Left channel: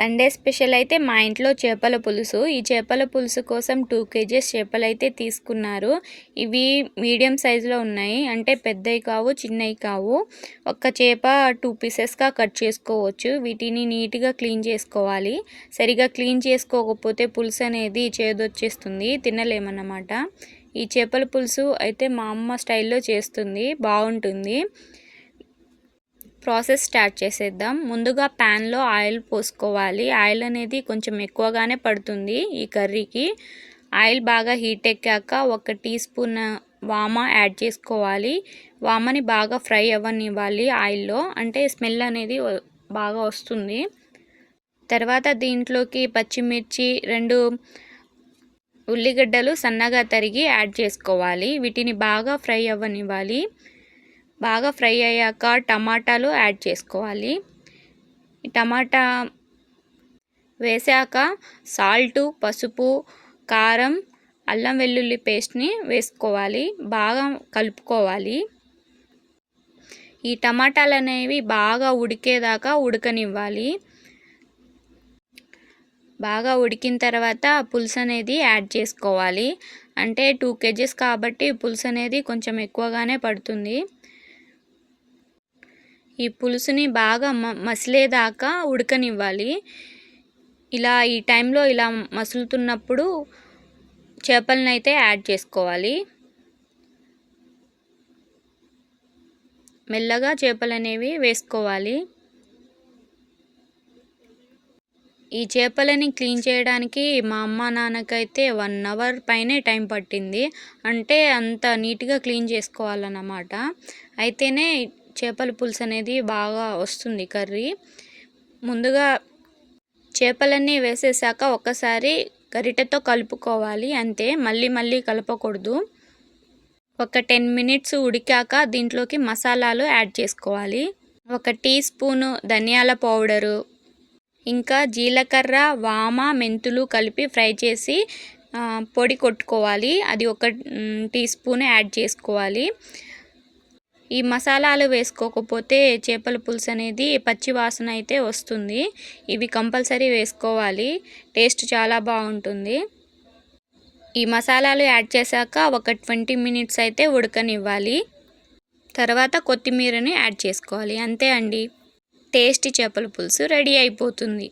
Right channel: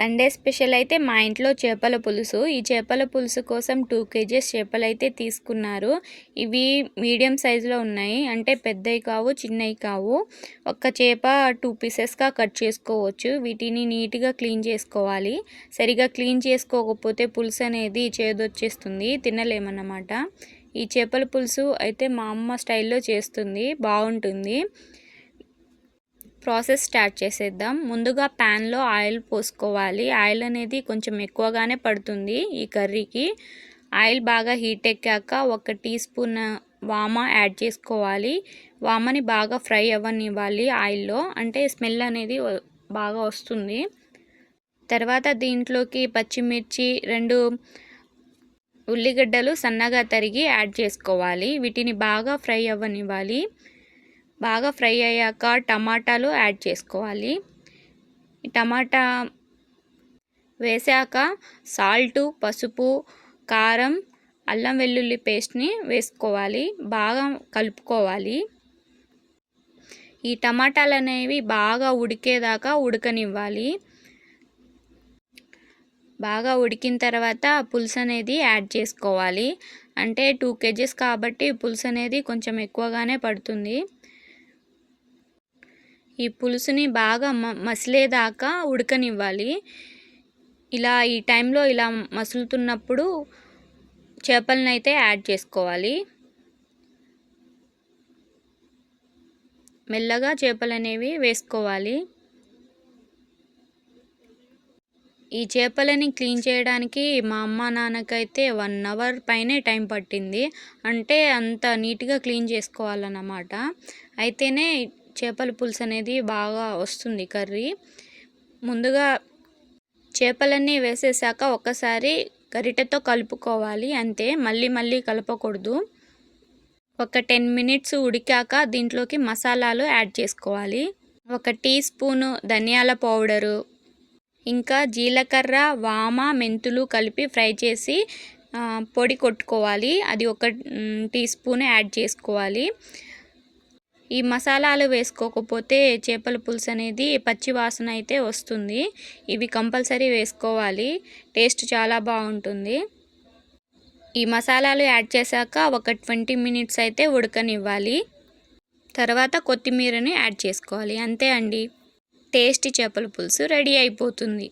Sunday special అయితే మా ఇంట్లో చేపల పులుసు. ఈ చేపల పులుసు కోసం టూ కేజీస్ చేపలు అయితే తీసుకున్నారు. ఇవి మీడియం సైజులో ఉన్నాయి. అంటే పెద్దవి కావు చిన్నవి కావు. ఒక్క చేప టూ పీసెస్గా కట్ చేసుకోవచ్చు. వీటిని నీట్గా క్లీన్ చేసుకోవాలి. సరిగా క్లీన్ చేసుకోకపోతే పులుసు అనేది చేదొచ్చేస్తుంది. తినలేమన్నమాట. ఈ చేపల పులుసు అయితే మా అమ్మ స్టైల్లో చేస్తుంది. బాగుంటుంది. ప్రాసెస్ స్టార్ట్ చేసేద్దాం. ముందుగా ప్యాన్లో ఆయిల్ పోసుకోవాలి. ఆయిల్ అనేది కొంచెం ఎక్కువగానే పడుతుంది ఈ కర్రీకి. ఆయిల్ బాగా హీట్ ఎక్కాక ఒక టీ స్పూన్ వామ యాడ్ చేసుకోవాలి. వామని బాగా ఫ్రై అవ్వనివ్వాలి ఆయిల్లో. అంటే స్మెల్ అనేది బాగా వస్తుంది. తర్వాత దీంట్లోకి పచ్చిమిర్చి రెండు ఉల్లిగడ్డలు సన్నగా తరిగి యాడ్ చేసుకోవాలి. వీటిని బాగా ఫ్రై అవ్వనివ్వాలి. బాగా ఫ్రై అయ్యాక టమాటాలు యాడ్ చేసుకోవాలి. టమాటా వేసాక సాల్టు పసుపు కారం అల్లం వెల్లుల్లి పేస్ట్ని వేసుకోవాలి. బాగా కలుపుకోవాలి. ఈ టమాటాలు అనేవి బాగా ఉడికేదాకా ఉడకనివ్వాలి. బాగా ఉడికిన తర్వాత పులుసు అనేది యాడ్ చేసుకోవాలి. అంటే టూ కేజీస్ కాబట్టి పులుసు అనేది కొంచెం ఎక్కువగానే పడుతుంది. ఈ పులుసుని బాగా మ మసిలేదాకా ఉడకనివ్వాలి. ఇలా ఈ టైంలో ఇలా మసులుతున్నప్పుడు చేపలను అయితే యాడ్ చేసుకోవాలి. మెల్లగా చేపలు అనేవి వేసుకోవాలి. ఈ చేపలని క్లీన్ చేయడానికి మా అమ్మ నాన్నకైతే వన్ అవర్ పైనే టైం పట్టింది. అంటే అంత నీట్గా క్లీన్ చేసుకోవాలన్నమాట. అయితేనే చేపల పులుసు అనేది బాగా వస్తుంది కర్రీ. ముందుగా చేపలన్నీ వేసేసాక ఒక్కసారి గరిటెతో కలుపుకోవాలి అంతే. మళ్ళీ మళ్ళీ కలపకూడదు. ఒక టెన్ మినిట్స్ ఉడికాక దీంట్లోకి మసాలాలు యాడ్ చేసుకోవాలి. ఒక టీ స్పూను ధనియాల పౌడరు ఇంకా జీలకర్ర వామ మెంతులు కలిపి ఫ్రై చేసి పొడి కొట్టుకోవాలి. అది ఒక టీ స్పూన్ యాడ్ చేసుకోవాలి. ఈ మసాలాలు వేసుకోకపోతే చేపల పులుసు అనేది పచ్చి వాసన అయితే వస్తుంది. ఇవి కంపల్సరీ వేసుకోవాలి. టేస్ట్ చాలా బాగుంటుంది. ఈ మసాలాలు యాడ్ చేశాక ఒక ట్వంటీ మినిట్స్ అయితే ఉడకనివ్వాలి. తర్వాత కొత్తిమీరని యాడ్ చేసుకోవాలి. అంతే అండి. టేస్టీ చేపల పులుసు రెడీ అయిపోతుంది.